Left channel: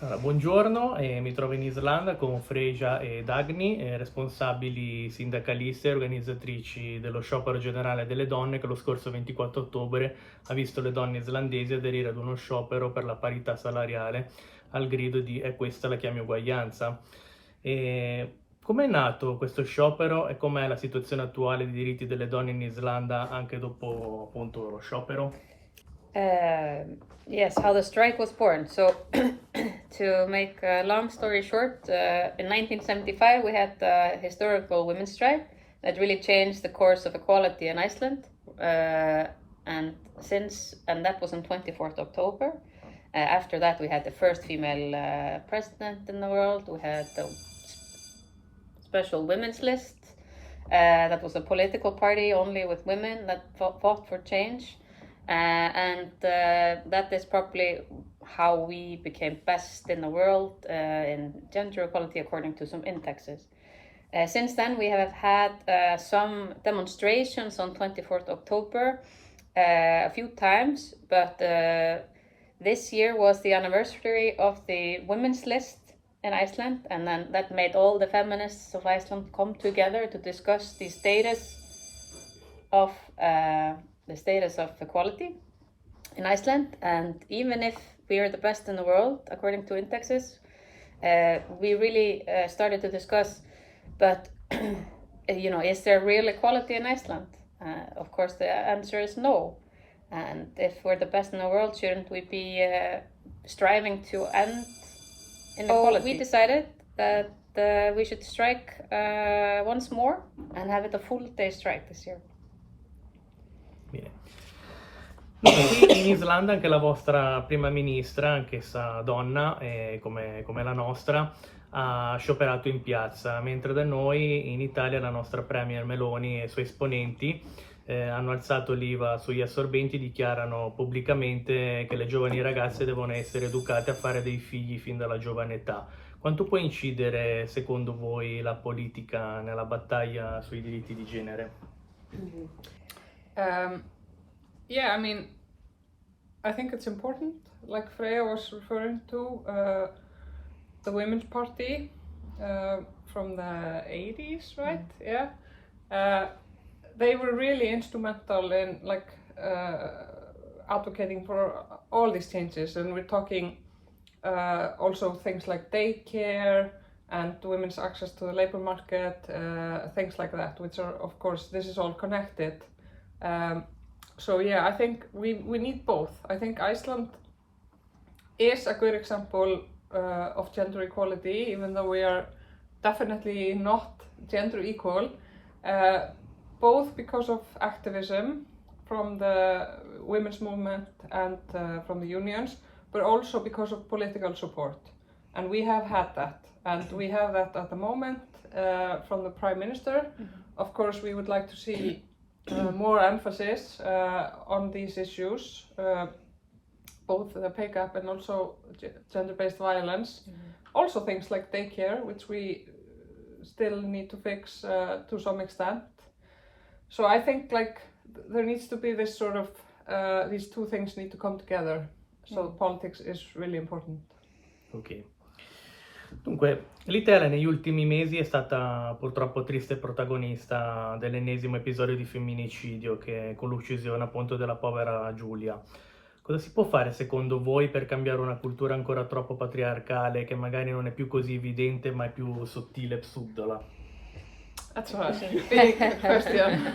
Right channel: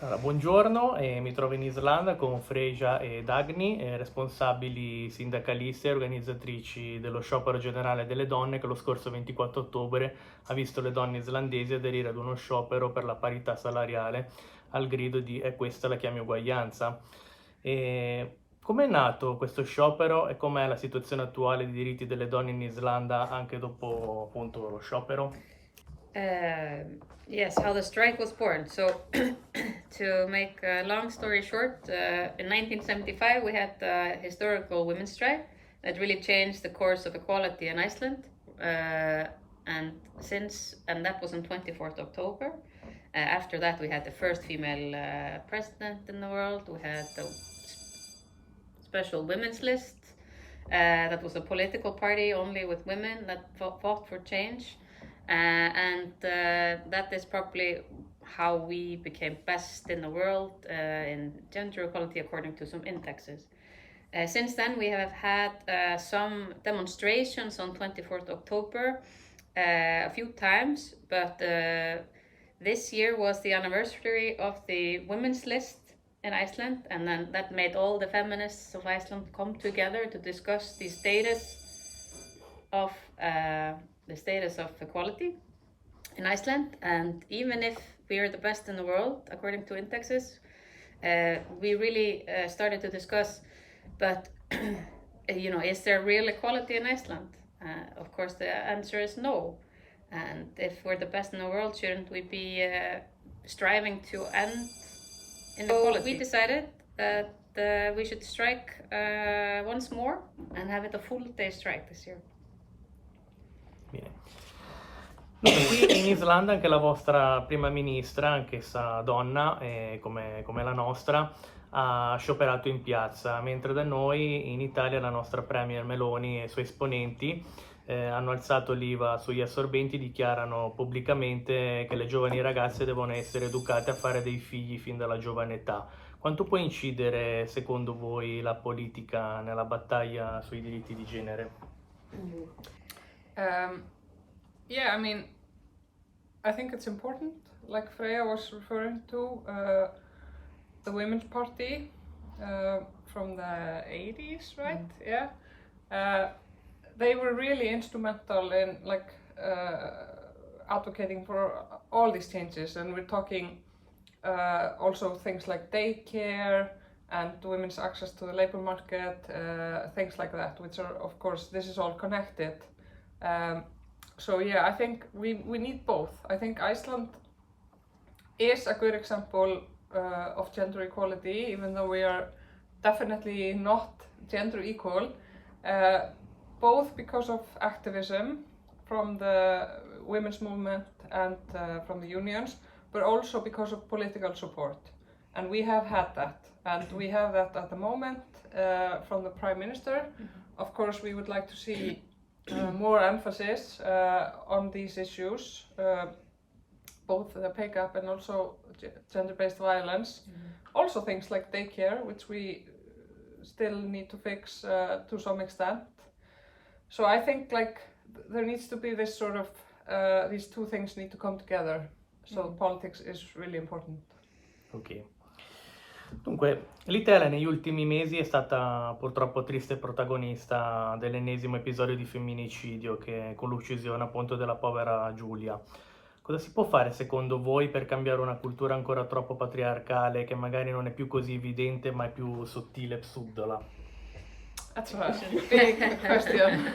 Allora, buongiorno, mi trovo in Islanda con Freyja e Dagny, responsabili sindacaliste e organizzatrici dello sciopero generale delle donne che lo scorso 24 ottobre ha visto le donne islandesi aderire ad uno sciopero per la parità salariale al grido di "è questa la chiami uguaglianza". Com'è nato questo sciopero e com'è la situazione attuale dei diritti delle donne in Islanda anche dopo appunto lo sciopero? Yes, how the strike was born. So, to make a long story short, in 1975 we had the historical women's strike that really changed the course of equality in Iceland. And that was on 24th October. After that, we had the first female president in the world. We had the special women's list. That was a political party only with women that fought for change. And that is probably how we became best in the world in gender equality according to some indexes. Since then, we have had some demonstrations on 24th October a few times, but this year was the anniversary of the women's list in Iceland, and then that made all the feminists of Iceland come together to discuss the status of equality in Iceland. And even if we are the best in the world according to indexes, we really started to discuss, but is there real equality in Iceland? Of course the answer is no. And if we're the best in the world, shouldn't we be striving to end inequality? So we decided that we should strike once more and have it a full day strike this year. Bene. Qui in Islanda anche la vostra prima ministra, anch'essa donna, come la nostra, ha scioperato in piazza, mentre da noi in Italia la nostra premier Meloni e i suoi esponenti hanno alzato l'IVA sugli assorbenti, dichiarano pubblicamente che le giovani ragazze devono essere educate a fare dei figli fin dalla giovane età. Quanto può incidere, secondo voi, la politica nella battaglia sui diritti di genere? Yeah, I mean, I think it's important, like Freyja was referring to, the Women's Party from the 80s, right? Yeah. They were really instrumental in advocating for all these changes, and we're talking also things like daycare and women's access to the labor market, things like that, which are, of course, this is all connected. So yeah, I think we need both. I think Iceland is a good example of gender equality, even though we are definitely not gender equal, both because of activism from the women's movement and from the unions, but also because of political support. And we have had that, and we have that at the moment from the Prime Minister. Of course, we would like to see more emphasis on these issues, both the pay gap and also gender-based violence. Also things like daycare, which we still need to fix to some extent. So I think there needs to be this sort of, these two things need to come together. So politics is really important. Ok. Dunque, l'Italia negli ultimi mesi è stata purtroppo triste protagonista dell'ennesimo episodio di femminicidio con l'uccisione appunto della povera Giulia. Cosa si può fare secondo voi per cambiare una cultura ancora troppo patriarcale che magari non è più così evidente ma è più sottile e subdola? That's a big question.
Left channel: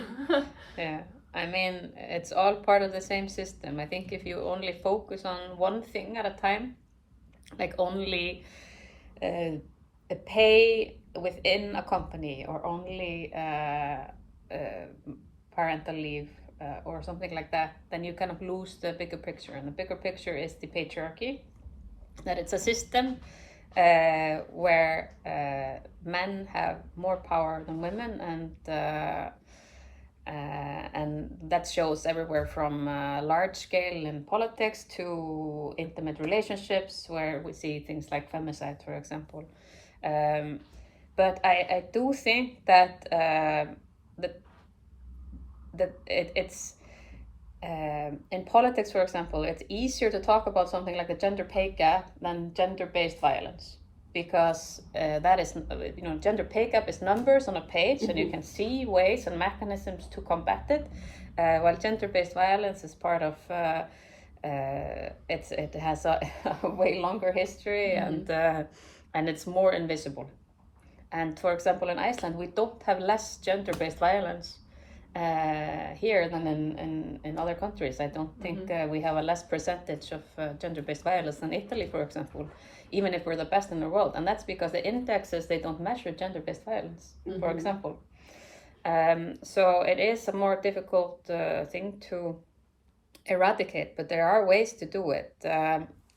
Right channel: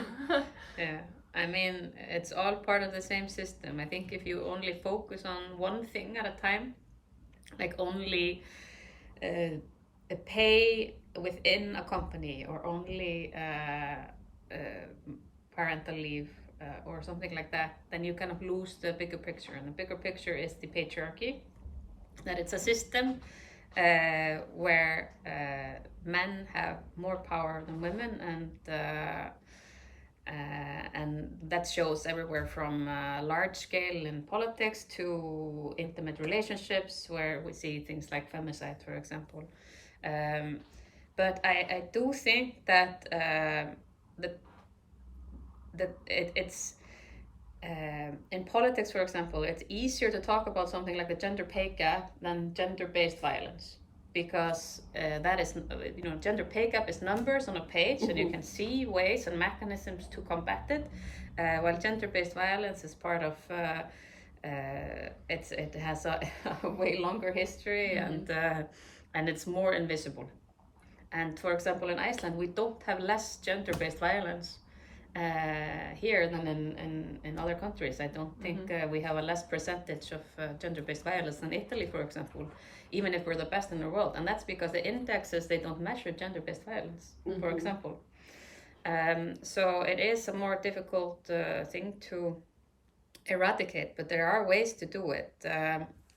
Yeah, I mean, it's all part of the same system. I think if you only focus on one thing at a time, like only a pay within a company or only parental leave or something like that, then you kind of lose the bigger picture. And the bigger picture is the patriarchy, that it's a system where men have more power than women, and that shows everywhere from large scale in politics to intimate relationships, where we see things like femicide, for example. But I do think that it's in politics, for example, it's easier to talk about something like the gender pay gap than gender-based violence, because that is, gender pay gap is numbers on a page, and you can see ways and mechanisms to combat it, while gender-based violence is part of it has a way longer history, and it's more invisible. And for example, in Iceland, we don't have less gender-based violence here than in other countries. I don't think we have a less percentage of gender-based violence than Italy, for example, even if we're the best in the world. And that's because the indexes, they don't measure gender-based violence, for example. So it is a more difficult thing to eradicate, but there are ways to do it.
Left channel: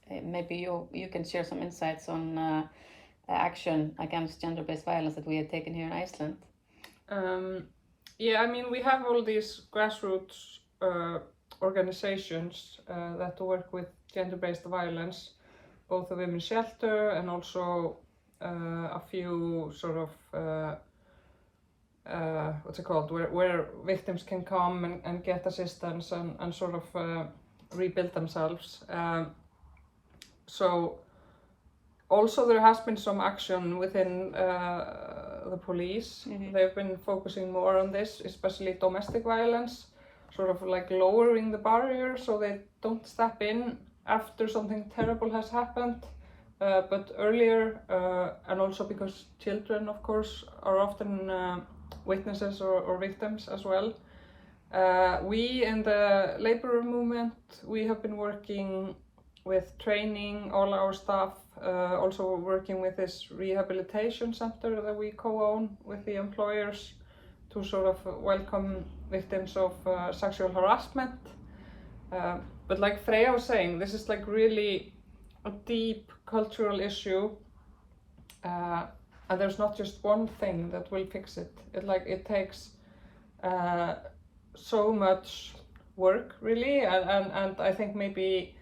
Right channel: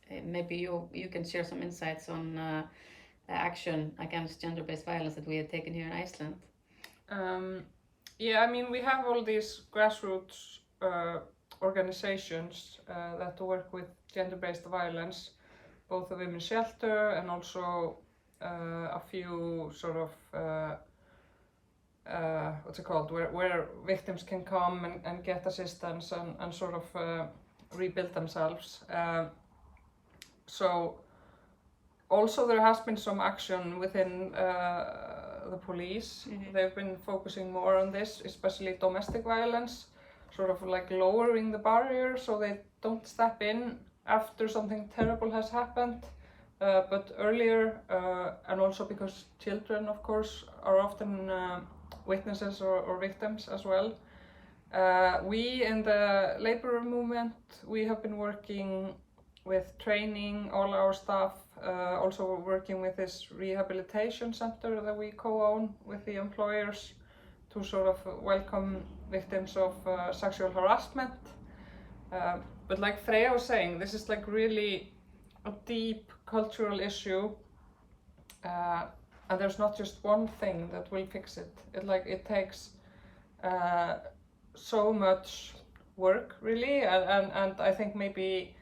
Maybe you can share some insights on action against gender-based violence that we have taken here in Iceland. Yeah, I mean, we have all these grassroots organizations that work with gender-based violence, both the women's shelter and also a few sort of what's it called, where victims can come and get assistance and sort of rebuild themselves. So also there has been some action within the police. They've been focusing more on this, especially domestic violence, sort of like lowering the barrier so they don't step in after something terrible has happened, but earlier, and also because children, of course, are often witnesses or victims as well. We in the labor movement, we have been working with training all our staff, also working with this rehabilitation center that we co-own with the employers to sort of welcome victims of sexual harassment. But like Freyja was saying, this is like really a deep cultural issue, and there's not just one thing that will fix it. It takes so much work, really, and I think maybe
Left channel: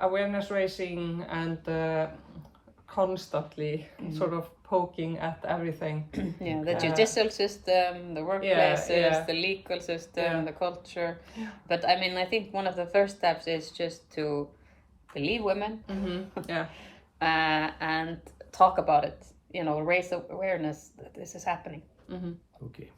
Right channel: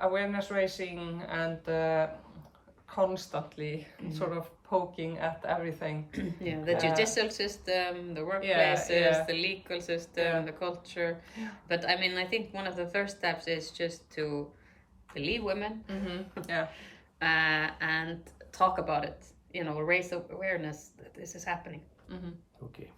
awareness raising and constantly sort of poking at everything. Yeah, the judicial system, the workplaces, the legal system, the culture. But I mean, I think one of the first steps is just to believe women and talk about it, raise awareness that this is happening. Ok.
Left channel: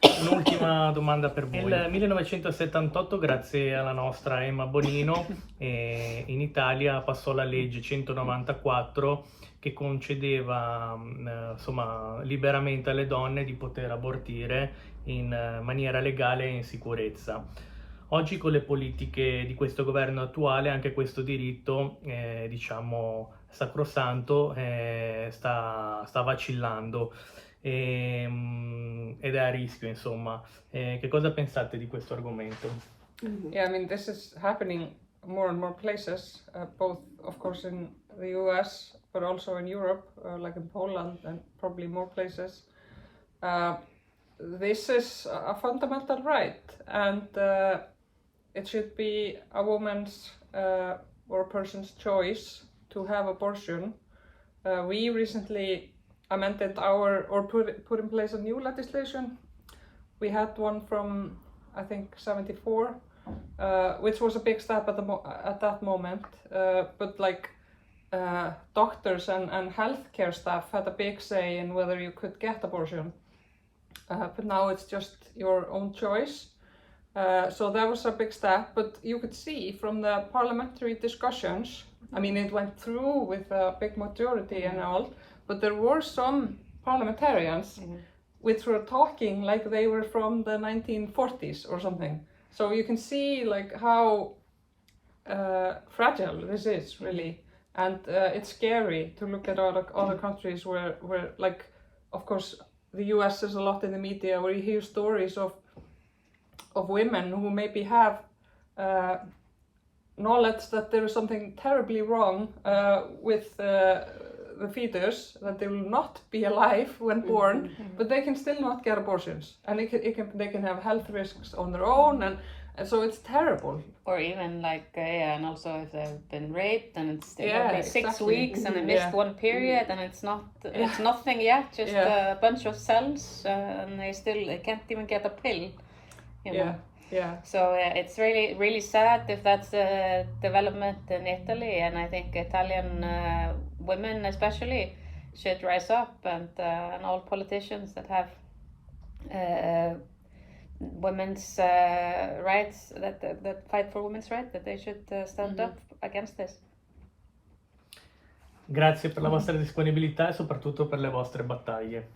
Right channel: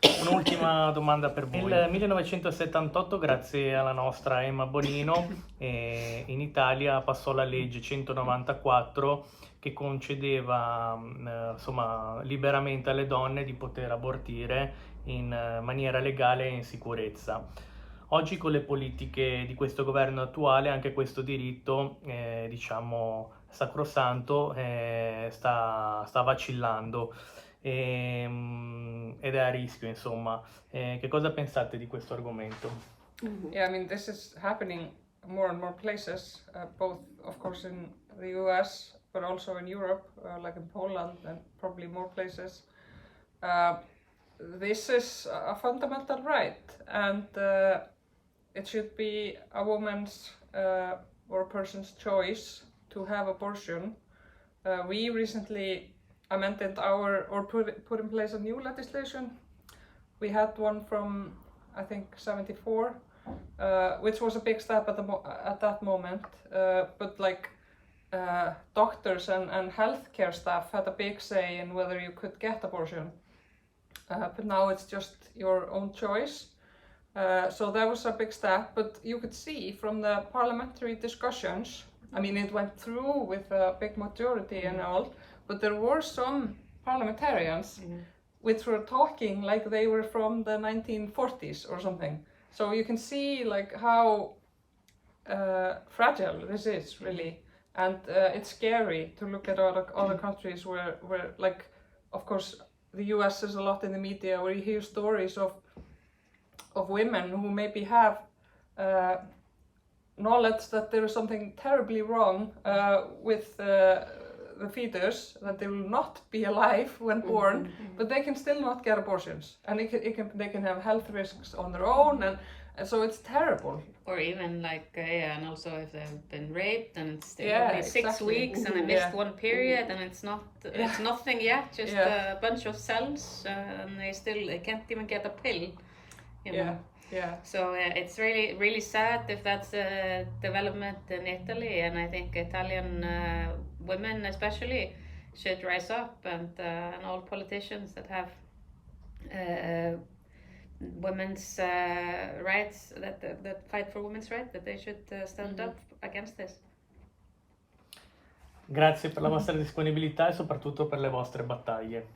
Un'ultima domanda per voi. Nel 1978, grazie alla nostra Emma Bonino, in Italia passò la legge 194 che concedeva liberamente alle donne di poter abortire in maniera legale e in sicurezza. Oggi con le politiche di questo governo attuale anche questo diritto, sacrosanto, sta vacillando. Ed è a rischio, insomma. Che cosa pensate di questo argomento? Yeah, I mean, this is happening more and more places, both of course in the US, but also in Europe, like in Poland and probably more places. This is a fundamental right, and it should be a woman's or a person's choice to have abortion. We recently amended put in place a new legislation. We had one from, I think, 74, which was a big step at that moment. But like doctors and healthcare staff had a big say in whether you could get abortion. But now it's just your own choice. So that was a big step, but you could see from the parliamentary discussions, I mean, it went through with a big majority and all, but there were some parliamentarians which were talking like they were from the 1940s or something. So you can see like how fragile this is, really. And it's scary to look at other countries where like, of course, the US is a lot in the media where you hear stories of women who maybe have knowledge that there is something terribly wrong with the fetus, that they will not be alive when born, but they can still not get abortions, and they can have health risks on their own, and so it's terrible. Or even like, and also if they've been raped and it's 6 exactly. weeks and they missed one period and it's nothing yet, just a bunch of cells, and they can't even get a pill. You know? Yeah. So it's really, really sad if that's a development in Italy, and I think Italian women especially should rise up, and all politicians that have women's rights, that fight for women's rights, that they should stand up against this. Grazie per la vostra disponibilità e soprattutto per le vostre battaglie.